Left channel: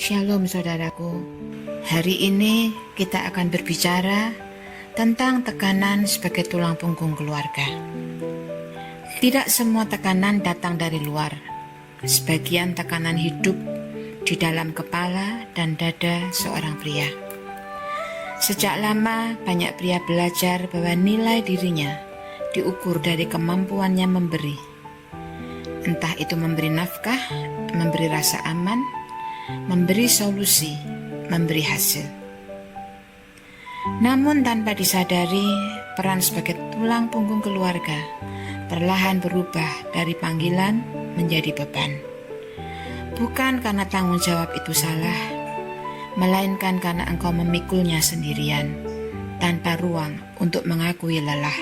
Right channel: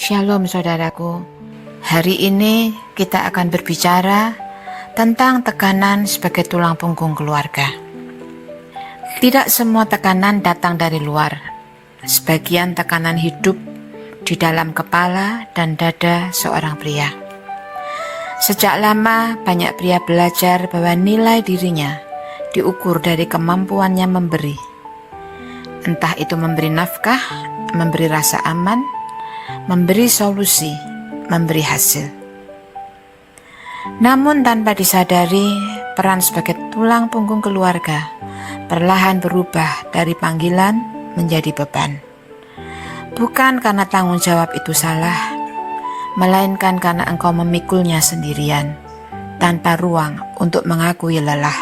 Shalom saudaraku, hari ini kita akan berbicara tentang tekanan sebagai tulang punggung keluarga. Tidak semua tekanan datang dari luar, sebagian tekanan hidup di dalam kepala dan dada seorang pria. Sejak lama banyak pria belajar bahwa nilai dirinya diukur dari kemampuannya memberi. Entah itu memberi nafkah, memberi rasa aman, memberi solusi, memberi hasil. Namun tanpa disadari, peran sebagai tulang punggung keluarga perlahan berubah dari panggilan menjadi beban. Bukan karena tanggung jawab itu salah, melainkan karena engkau memikulnya sendirian, tanpa ruang untuk mengakui lelah.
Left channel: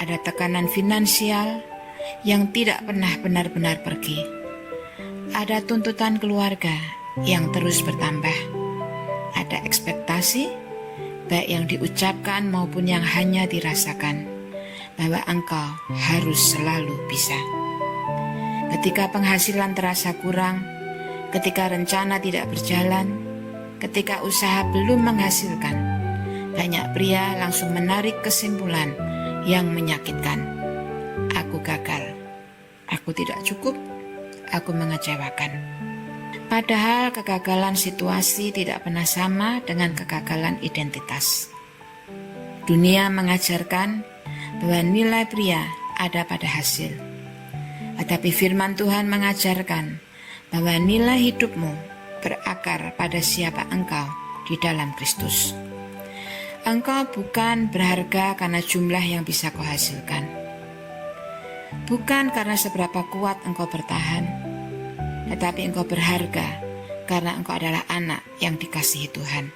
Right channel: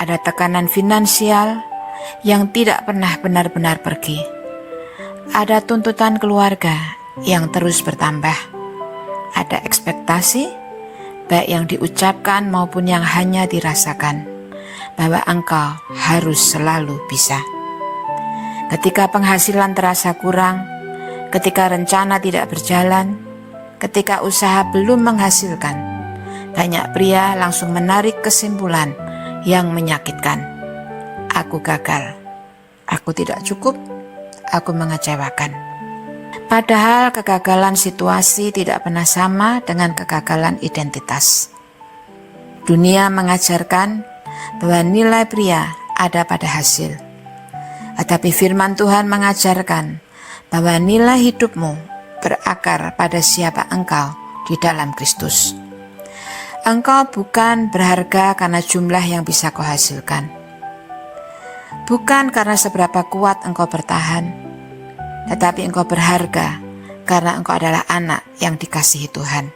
Ada tekanan finansial yang tidak pernah benar-benar pergi. Ada tuntutan keluarga yang terus bertambah. Ada ekspektasi, baik yang diucapkan maupun yang hanya dirasakan, bahwa engkau harus selalu bisa. Ketika penghasilan terasa kurang, ketika rencana tidak berjalan, ketika usaha belum menghasilkan, banyak pria langsung menarik kesimpulan yang menyakitkan. Aku gagal, aku tidak cukup, aku mengecewakan. Padahal kegagalan situasi tidak pernah sama dengan kegagalan identitas. Dunia mengajarkan bahwa nilai pria ada pada hasil. Tetapi firman Tuhan mengajarkan bahwa nilai hidupmu berakar pada siapa engkau di dalam Kristus. Engkau bukan berharga karena jumlah yang bisa kau hasilkan. Bukan karena seberapa kuat engkau bertahan, tetapi engkau berharga karena engkau adalah anak yang dikasihi Tuhan.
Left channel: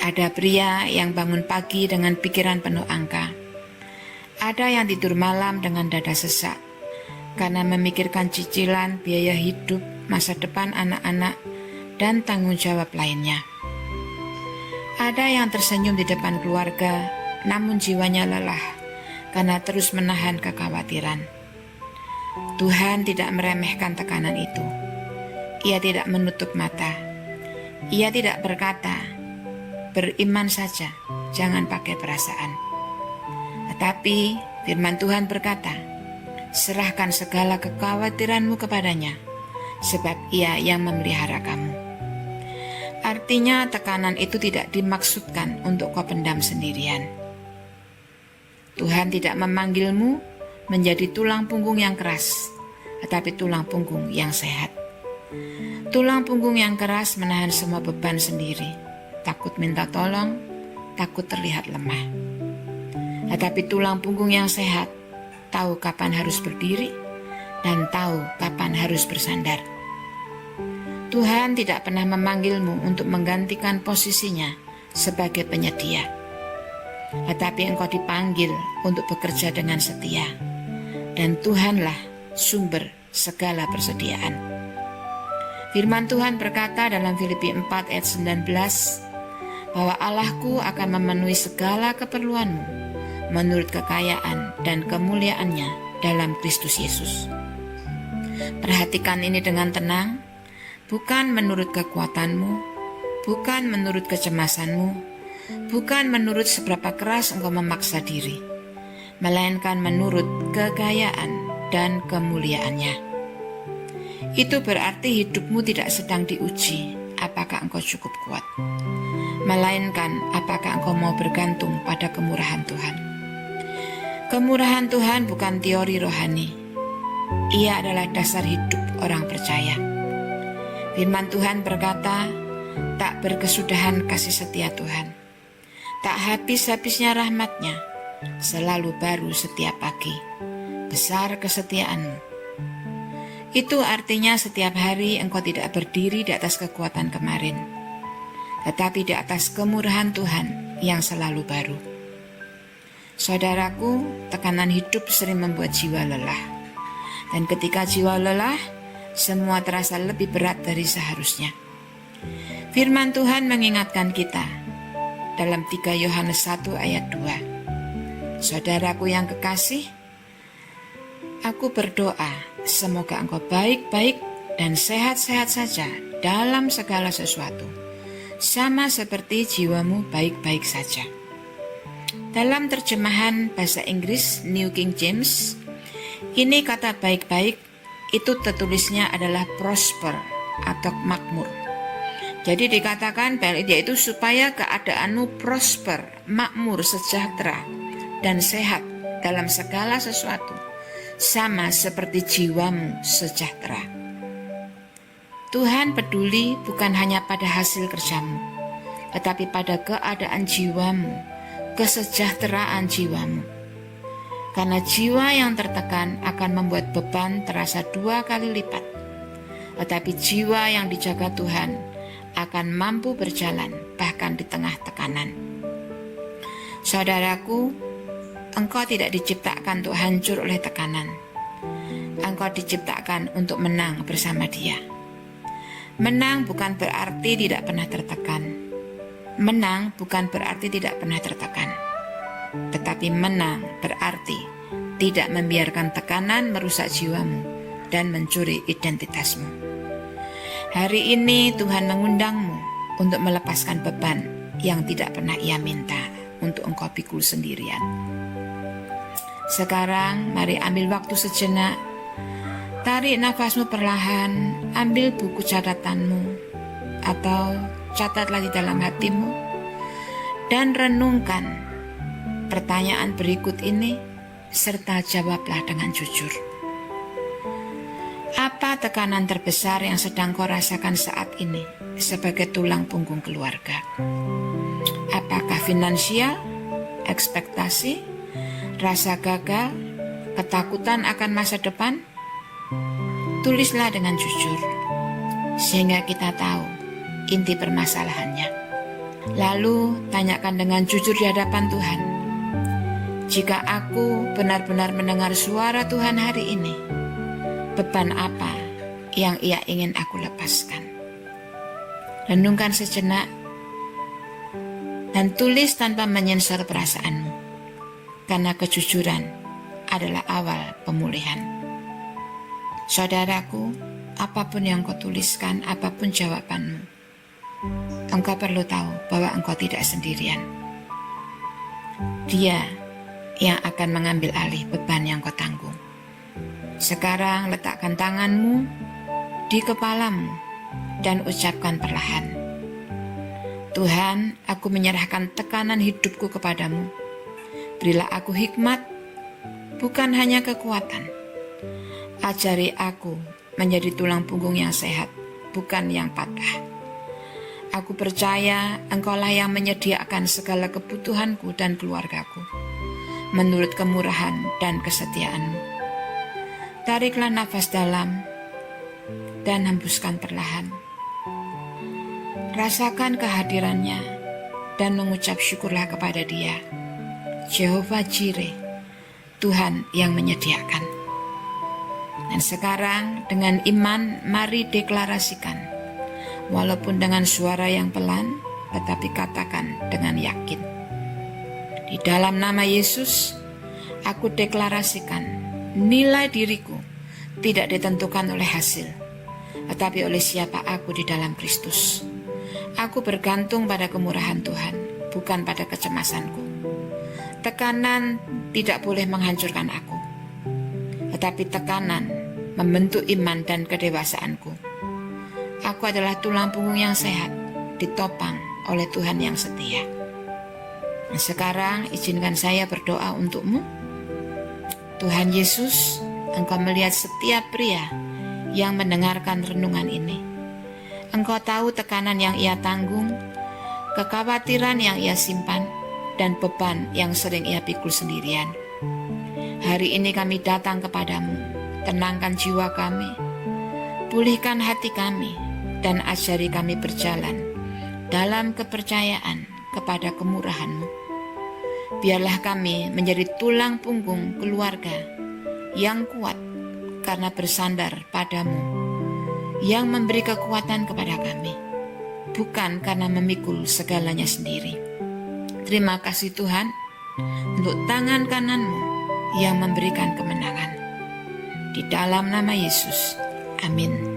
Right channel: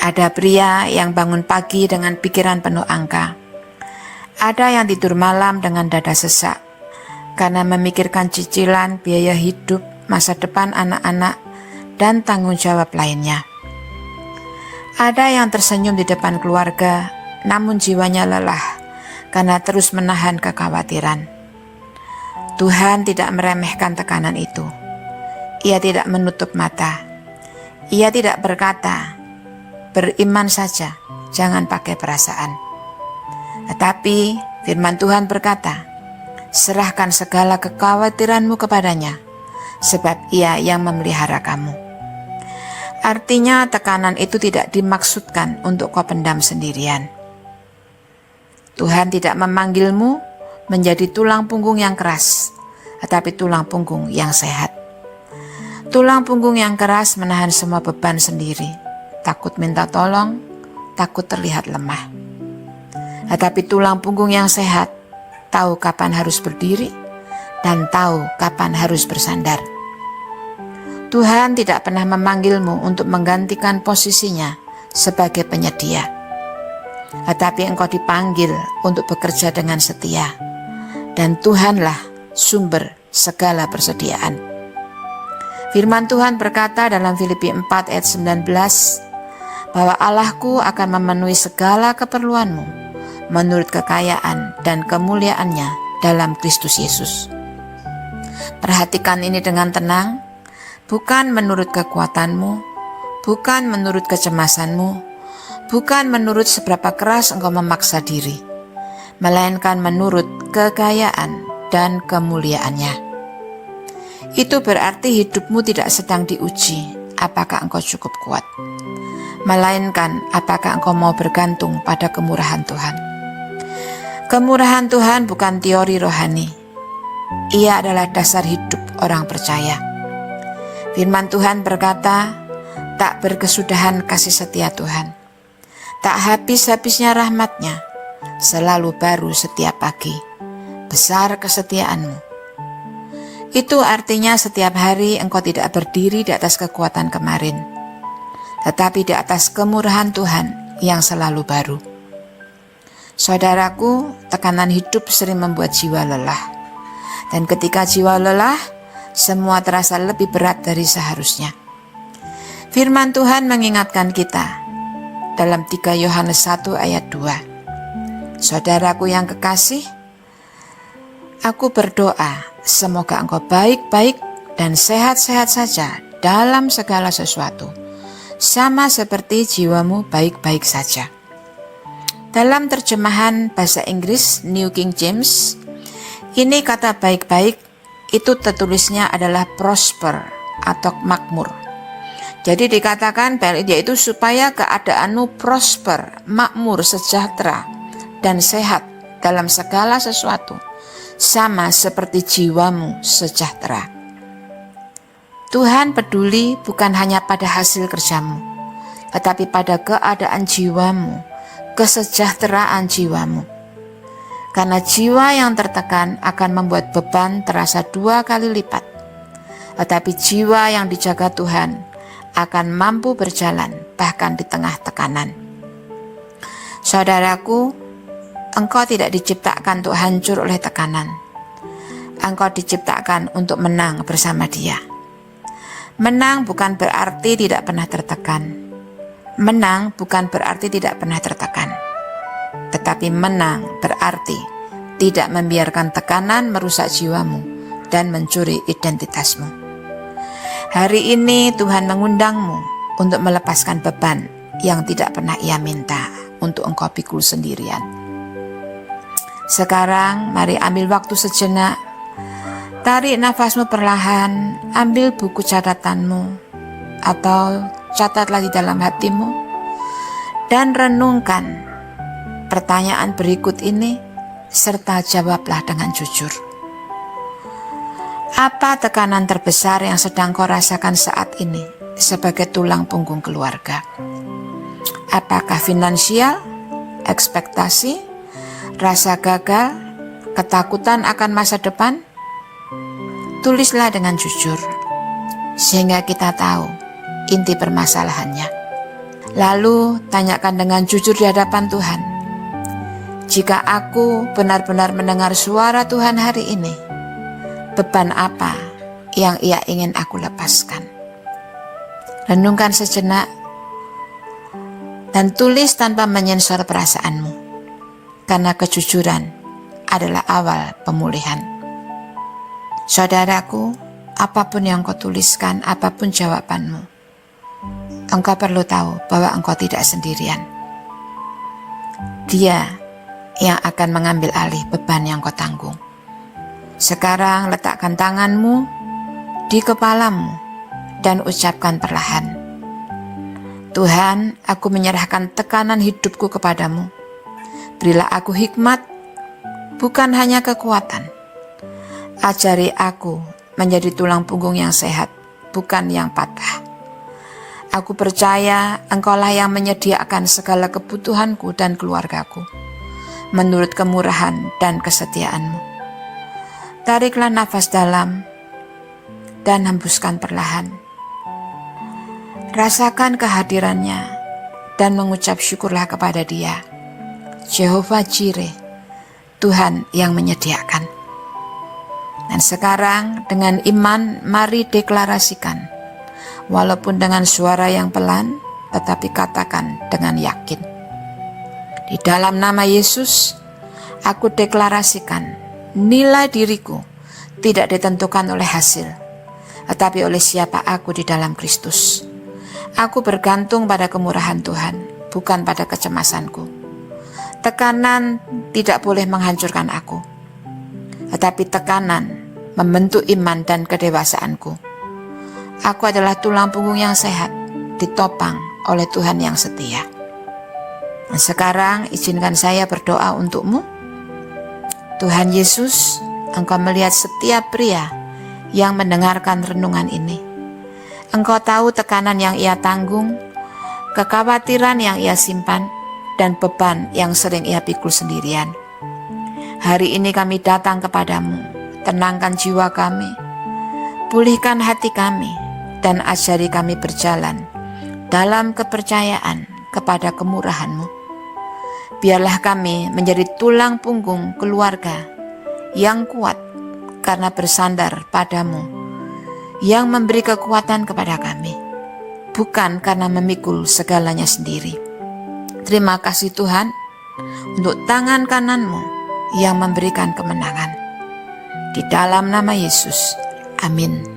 Ada pria yang bangun pagi dengan pikiran penuh angka. Ada yang tidur malam dengan dada sesak karena memikirkan cicilan, biaya hidup, masa depan anak-anak, dan tanggung jawab lainnya. Ada yang tersenyum di depan keluarga, namun jiwanya lelah karena terus menahan kekhawatiran. Tuhan tidak meremehkan tekanan itu. Ia tidak menutup mata. Ia tidak berkata, beriman saja, jangan pakai perasaan. Tetapi firman Tuhan berkata, serahkan segala kekhawatiranmu kepadanya, sebab Ia yang memelihara kamu. Artinya tekanan itu tidak dimaksudkan untuk kau pendam sendirian. Tuhan tidak memanggilmu menjadi tulang punggung yang keras, tetapi tulang punggung yang sehat. Tulang punggung yang keras menahan semua beban sendiri, takut minta tolong, takut terlihat lemah. Tetapi tulang punggung yang sehat tahu kapan harus berdiri dan tahu kapan harus bersandar. Tuhan tidak pernah memanggilmu untuk menggantikan posisinya sebagai penyedia, tetapi engkau dipanggil untuk bekerja dengan setia, dan Tuhanlah sumber segala persediaan. Firman Tuhan berkata dalam Filipi 4 ayat 19, bahwa Allahku akan memenuhi segala keperluanmu menurut kekayaan dan kemuliaannya dalam Kristus Yesus. Perhatikan ini dengan tenang, bukan menurut kekuatanmu, bukan menurut kecemasanmu, bukan menurut seberapa keras engkau memaksa diri, melainkan menurut kekayaan dan kemuliaannya. Itu berarti hidupmu tidak sedang diuji apakah engkau cukup kuat, melainkan apakah engkau mau bergantung pada kemurahan Tuhan. Kemurahan Tuhan bukan teori rohani. Ia adalah dasar hidup orang percaya. Firman Tuhan berkata, tak berkesudahan kasih setia Tuhan, tak habis-habisnya rahmat-Nya, selalu baru setiap pagi, besar kesetiaanmu. Itu artinya setiap hari engkau tidak berdiri di atas kekuatan kemarin, tetapi di atas kemurahan Tuhan yang selalu baru. Saudaraku, tekanan hidup sering membuat jiwa lelah. Dan ketika jiwa lelah, semua terasa lebih berat dari seharusnya. Firman Tuhan mengingatkan kita dalam 3 Yohanes 1 ayat 2. Saudaraku yang kekasih, aku berdoa semoga engkau baik-baik dan sehat-sehat saja dalam segala sesuatu, sama seperti jiwamu baik-baik saja. Dalam terjemahan bahasa Inggris New King James, ini kata baik-baik itu tertulisnya adalah prosper atau makmur. Jadi dikatakan yaitu supaya keadaanmu prosper, makmur, sejahtera, dan sehat dalam segala sesuatu, sama seperti jiwamu sejahtera. Tuhan peduli bukan hanya pada hasil kerjamu, tetapi pada keadaan jiwamu, kesejahteraan jiwamu. Karena jiwa yang tertekan akan membuat beban terasa 2 kali lipat, tetapi jiwa yang dijaga Tuhan akan mampu berjalan bahkan di tengah tekanan. Saudaraku, engkau tidak diciptakan untuk hancur oleh tekanan. Engkau diciptakan untuk menang bersama Dia. Menang bukan berarti tidak pernah tertekan. Menang bukan berarti tidak pernah tertekan. Tetapi menang berarti tidak membiarkan tekanan merusak jiwamu dan mencuri identitasmu. Hari ini Tuhan mengundangmu untuk melepaskan beban yang tidak pernah Ia minta untuk engkau pikul sendirian. Sekarang mari ambil waktu sejenak, tarik nafasmu perlahan, ambil buku catatanmu atau catatlah di dalam hatimu dan renungkan pertanyaan berikut ini serta jawablah dengan jujur. Apa tekanan terbesar yang sedang kau rasakan saat ini sebagai tulang punggung keluarga? Apakah finansial, ekspektasi, rasa gagal, ketakutan akan masa depan? Tulislah dengan jujur, sehingga kita tahu inti permasalahannya. Lalu tanyakan dengan jujur di hadapan Tuhan, jika aku benar-benar mendengar suara Tuhan hari ini, beban apa yang Ia ingin aku lepaskan? Renungkan sejenak dan tulis tanpa menyensor perasaanmu, karena kejujuran adalah awal pemulihan. Saudaraku, apapun yang kau tuliskan, apapun jawabanmu, engkau perlu tahu bahwa engkau tidak sendirian. Dia yang akan mengambil alih beban yang kau tanggung. Sekarang letakkan tanganmu di kepalamu dan ucapkan perlahan, Tuhan, aku menyerahkan tekanan hidupku kepadamu. Berilah aku hikmat, bukan hanya kekuatan. Ajari aku menjadi tulang punggung yang sehat, bukan yang patah. Aku percaya Engkaulah yang menyediakan segala kebutuhanku dan keluargaku, menurut kemurahan dan kesetiaan-Mu. Tariklah nafas dalam dan hembuskan perlahan. Rasakan kehadirannya dan mengucap syukurlah kepada Dia. Jehovah Jireh, Tuhan yang menyediakan. Dan sekarang dengan iman mari deklarasikan, walaupun dengan suara yang pelan, tetapi katakan dengan yakin. Di dalam nama Yesus, aku deklarasikan, nilai diriku tidak ditentukan oleh hasil, tetapi oleh siapa aku di dalam Kristus. Aku bergantung pada kemurahan Tuhan, bukan pada kecemasanku. Tekanan tidak boleh menghancurkan aku, tetapi tekanan membentuk iman dan kedewasaanku. Aku adalah tulang punggung yang sehat, ditopang oleh Tuhan yang setia. Dan sekarang izinkan saya berdoa untukmu. Tuhan Yesus, Engkau melihat setiap pria yang mendengarkan renungan ini. Engkau tahu tekanan yang ia tanggung, kekhawatiran yang ia simpan, dan beban yang sering ia pikul sendirian. Hari ini kami datang kepadamu, tenangkan jiwa kami, pulihkan hati kami, dan ajari kami berjalan dalam kepercayaan kepada kemurahan-Mu. Biarlah kami menjadi tulang punggung keluarga yang kuat karena bersandar padamu, yang memberi kekuatan kepada kami, bukan karena memikul segalanya sendiri. Terima kasih Tuhan untuk tangan kanan-Mu yang memberikan kemenangan. Di dalam nama Yesus, amin.